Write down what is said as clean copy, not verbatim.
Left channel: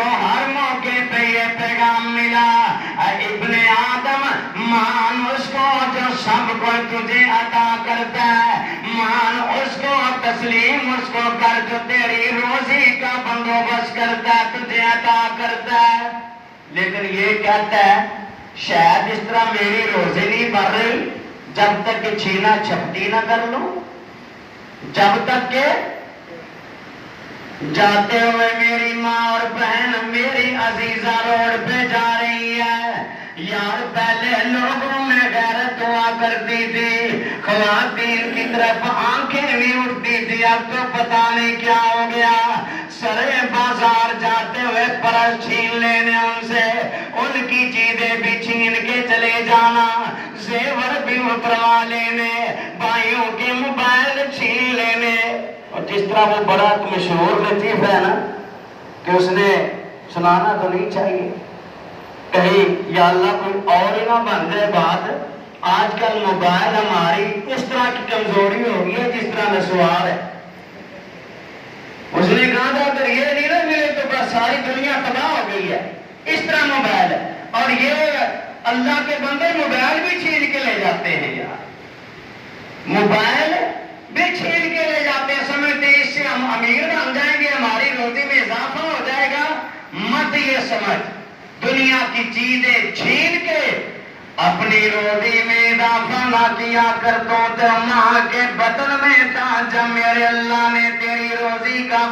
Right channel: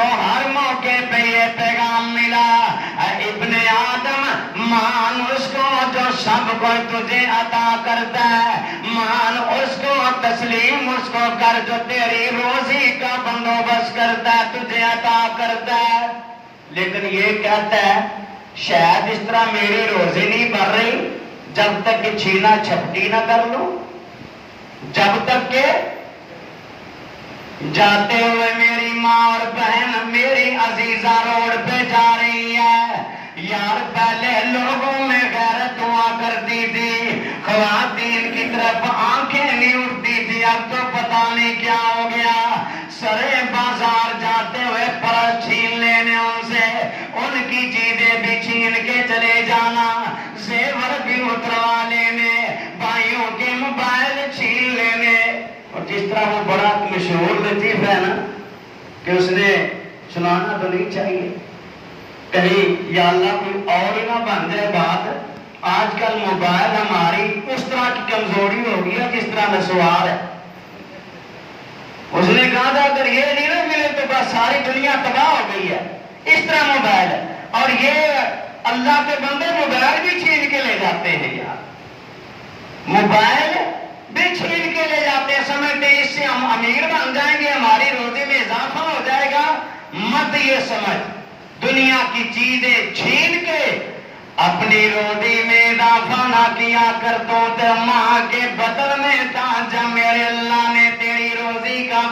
کو ہر موقع پہ یہ پیغام ملا، ابن آدم مان اس کو جو سب کو تجھے عطا کرتا ہے، مان اس کو، تسلیم اس کو کر جو تیری روزی کا بندوبست کرتا ہے، تجھے عطا کرتا ہے۔ لیکن یہ کہتا ہے شاید اس طرح میری روزی نہیں بڑھ رہی جب تک کہ چھینا چھپٹی نہ کر لو، جب تک کہ جاتے ہوئے میری ماں اور بہن میری عزیزہ روڈ پہ جا رہی ہے، یار پہلے لوگوں میں غیرت ہوا کرتی تھی، خواتین کی طرف آنکھیں بھی اٹھتی تھی، اب تو پتہ نہیں کیا ہو گیا۔ سرے بازار جاتے ہوئے پرس چھین لینے ان سے، ان کی چیزیں بھی چھین کے چلے جانا، زیور بھی اتروا لینے، بھائیوں کے موبائل چھین لینے۔ اور جس طرح وہ بڑا مشہور لطیف ہے نا کہ اس نے سنانا تو نہیں چاہیے، کہیں یا اللہ کوئی اور ہی نہ بن جائے بات، آج کل موبائل ہماری اس طرح کی کمزوری ہو گئی ہے جس طرح نسوار ہے۔ اس نے کہا تھا اگر یہ نہیں نہ ملے تو بس ساری دنیا تباہ ہو گئی ہے، اس طرح موبائل ہے۔ اور یہ اللہ کے بندے موبائل بھی چھین کے لے جاتے ہیں یار، موبائل بھی چھین کے لے جاتے ہیں، سمجھتے ہیں اس سے ہم امیر بن جائیں گے، ہماری روزی میں اضافہ ہو جائے گا۔ مت یہ سمجھ، دنیا کی چیزیں چھین کے اپنی روزی میں اضافہ نہ کیا کر، تو ماں کے بطن میں تھا جب میرے اللہ نے تیری روزی کا